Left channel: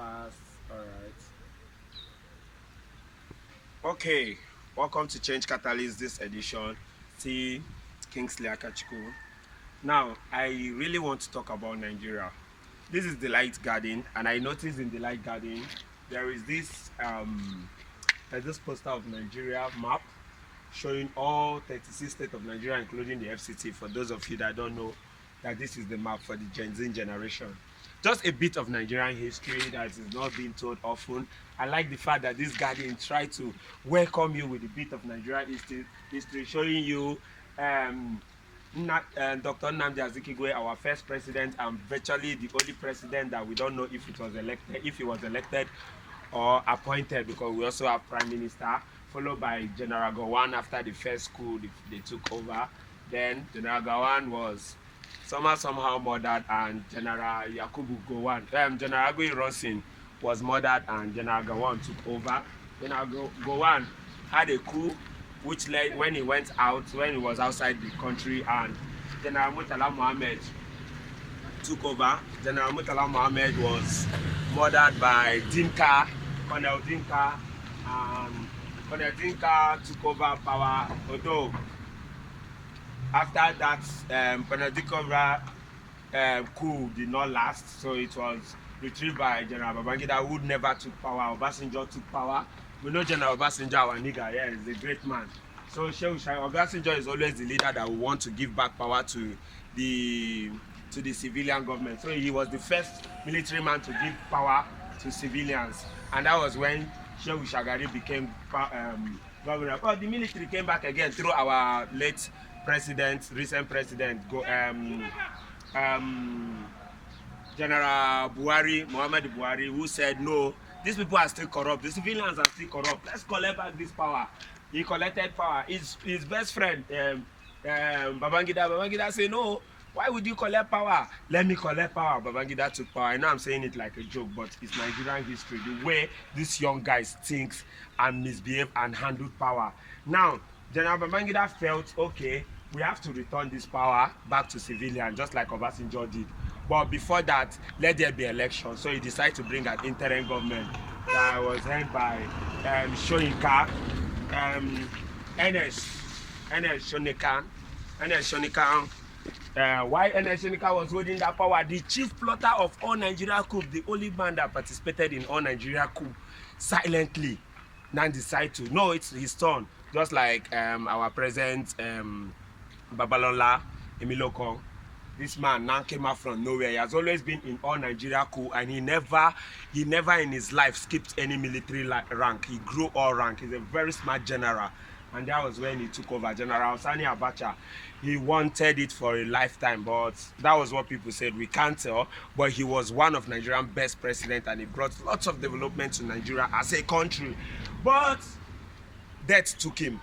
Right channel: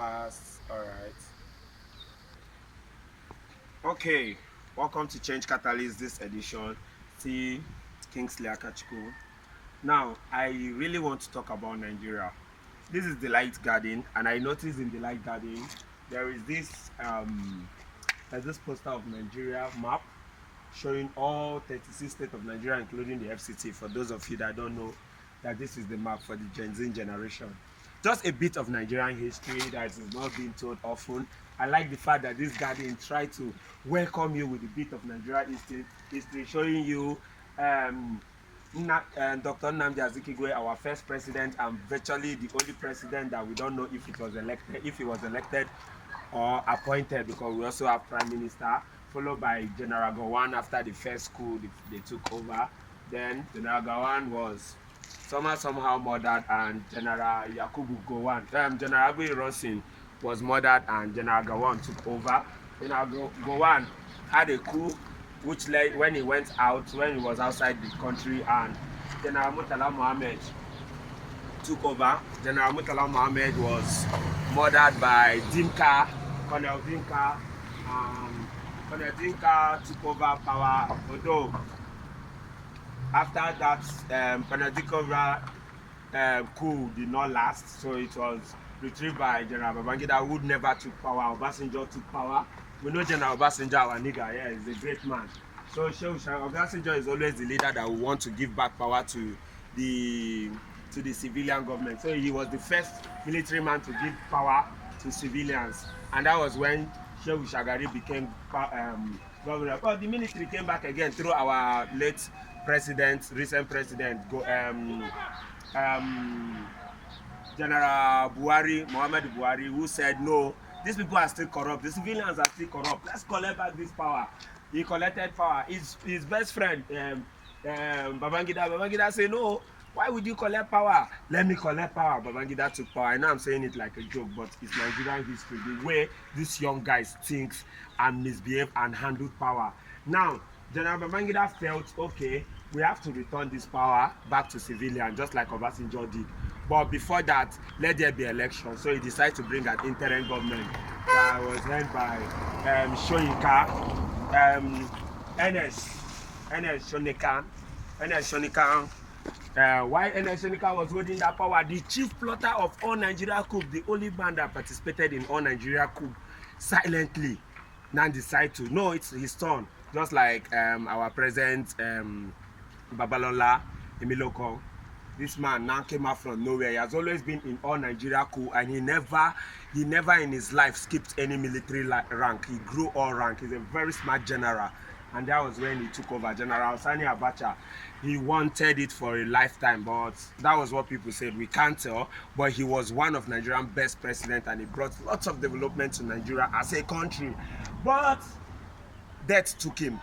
fast. All right. Okay. Welcome to Change Catalyst this edition. See Kingsley Akachuku. Now, I really want to talk about Nigeria. This is the Light Garden, and I noticed in the Light Garden there is this poster of Nigeria map showing all 36 states of Nigeria, including the FCT. For those of you that don't know, that this is the map for the Gen Z generation. Just a bit of Nigerian history that is not being told often. I like the fact that this garden tried to welcome you with a bit of Nigerian history showing you Dr. Nnamdi Azikiwe, our first president, and virtually the only president that we don't know if he was elected or appointed, because we also have prime minister, followed by General Gowon after the first coup they took over. Then General Gowon was somehow murdered, and General Yakubu Gowon, General Agui Rosin was murdered, and General Gowon took over. General Gowon had a coup which led when he was outside the country, and General Murtala Mohammed took over. General Murtala Mohammed was murdered by Dinka, Colonel Dinka, and Colonel Dinka took over power. Although after that, Colonel Dinka coup did not last, so it was retrieved by General Babangida, who never took power. Obasanjo took power. We know General Obasanjo, our nigga, yeah, he's a great man. So Obasanjo is always the leader that will want to give back power to the civilian government. So he was the first military man to give power to civilians, and that was when Shehu Shagari became governor. But the military came back again through our late president, recent president, General Buhari, Muhammad Buhari, who said, no, these people are still corrupt, the civilians are still corrupt, let's collect back this power. He collected power. His best friend, Babangida said, no, why would you collect power? Let me collect power. Babangida took power. I know I'm saying it like a joke, but it's Nigerian history, the way these young guys think and misbehave and handle power. Now, General Babangida felt, okay, we have to return this power back to civilians, just like Obasanjo did. But before that, let there be election. So he decided to bring an interim government that was led by Shoyinka, NS Shonikan. Why NS Shonikan was holding that power? The chief plotter of all Nigeria coup, the only man that participated in all Nigeria coup, silently now decide to, no, it's his turn. Just like our president Babalola Emiloko. This man now came out from nowhere. He has always been in all Nigeria coup, and he never in his life skipped any military rank. He grew all rank. He's a very smart general, and that was when he took over. General Sani Abacha, he wanted it for a lifetime, but that was what people said. We can't tell, but he was one of Nigeria's best presidents, and he brought lots of development to Nigeria as a country. But death took him.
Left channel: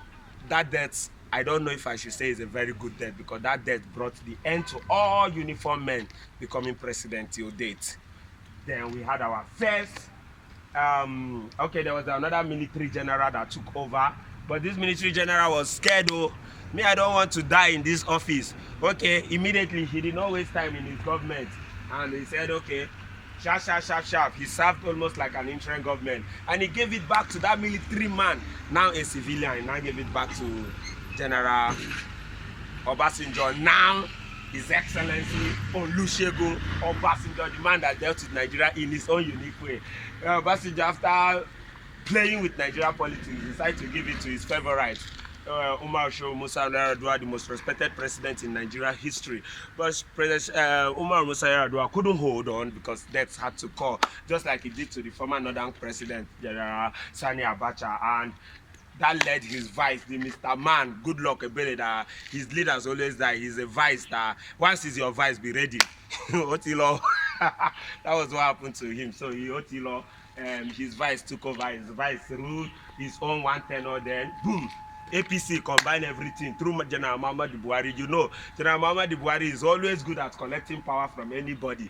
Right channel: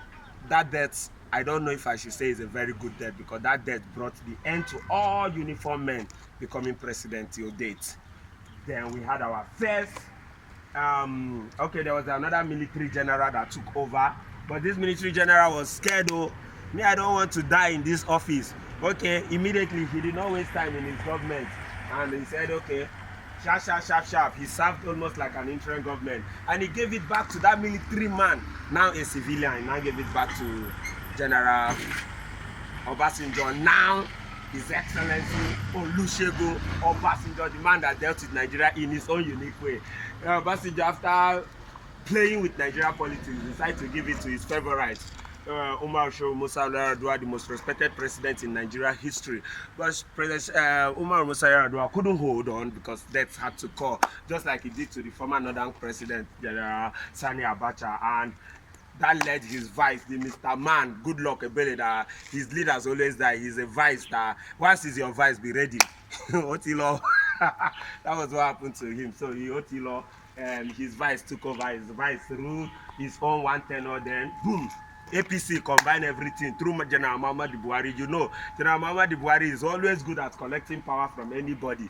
That death, I don't know if I should say is a very good death, because that death brought the end to all uniform men becoming president till date. Then we had our first, okay, there was another military general that took over, but this military general was scared. Oh, me, I don't want to die in this office. Okay, immediately he did not waste time in his government, and he said, okay, sharp. He served almost like an interim government, and he gave it back to that military man, now a civilian. He now gave it back to General Obasanjo, now His Excellency Olusegun Obasanjo, the man that dealt with Nigeria in his own unique way. Obasanjo, after playing with Nigeria politics, decided to give it to his favorite, Umar Musa Yar'Adua, the most respected president in Nigeria history. But President Umar Musa Yar'Adua couldn't hold on, because death had to call, just like he did to the former Northern president, General Sani Abacha. And that led his vice, the Mr. Man, Goodluck Ebele, that his leaders always die. He's a vice that once he's your vice, be ready. Otilo. That was what happened to him. So he Otilo, his vice took over. His vice ruled his own one tenor. Then boom, APC combine everything through General Muhammad Buhari. You know, General Muhammad Buhari is always good at collecting power from anybody.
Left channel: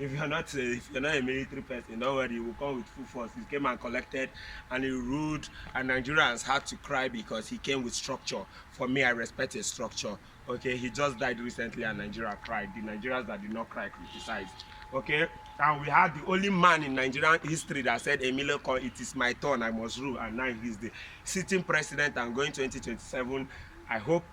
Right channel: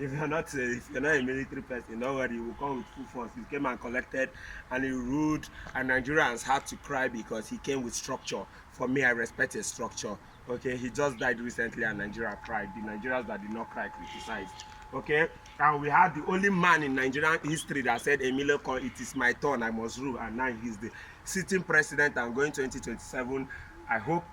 If you're not a military person, don't worry, he will come with full force. He came and collected, and he ruled, and Nigerians had to cry because he came with structure. For me, I respect his structure. Okay, he just died recently, and Nigeria cried. The Nigerians that did not cry criticized. Okay, And we had the only man in Nigerian history that said, Emilio Kon, it is my turn, I must rule. And now he's the sitting president and going 2027. I hope,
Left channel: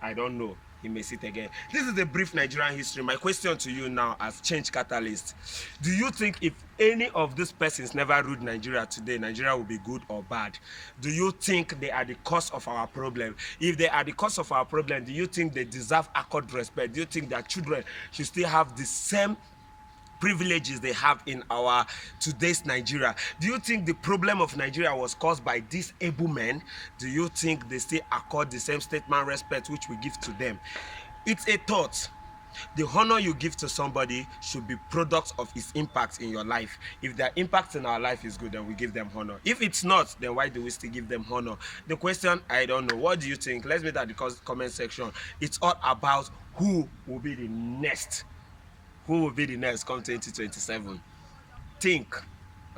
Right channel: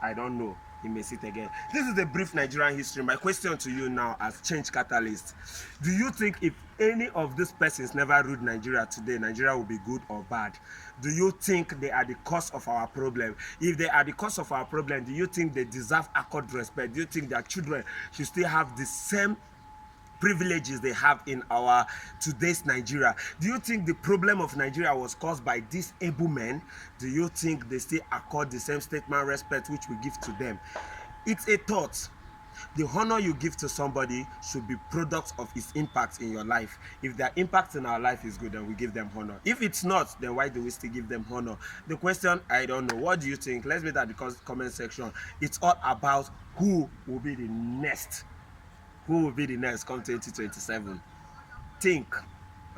I don't know, he may sit again. This is a brief Nigerian history. My question to you now as change catalyst. Do you think if any of these persons never ruled Nigeria today, Nigeria will be good or bad? Do you think they are the cause of our problem? If they are the cause of our problem, do you think they deserve accord respect? Do you think their children should still have the same privileges they have in our today's Nigeria? Do you think the problem of Nigeria was caused by these able men? Do you think they still accord the same statement respect which we give to them? It's a thought. The honor you give to somebody should be products of its impact in your life. If their impact in our life is good, then we give them honor. If it's not, then why do we still give them honor? The question, I don't know. What do you think? Let's meet at the comment section. It's all about who will be the next. Who will be the next come 2027? Think.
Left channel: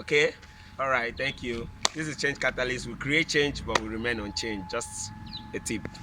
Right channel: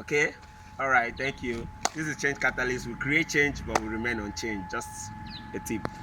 Okay? All right, thank you. This is Change Catalyst. We create change, but we remain unchanged. Just a tip.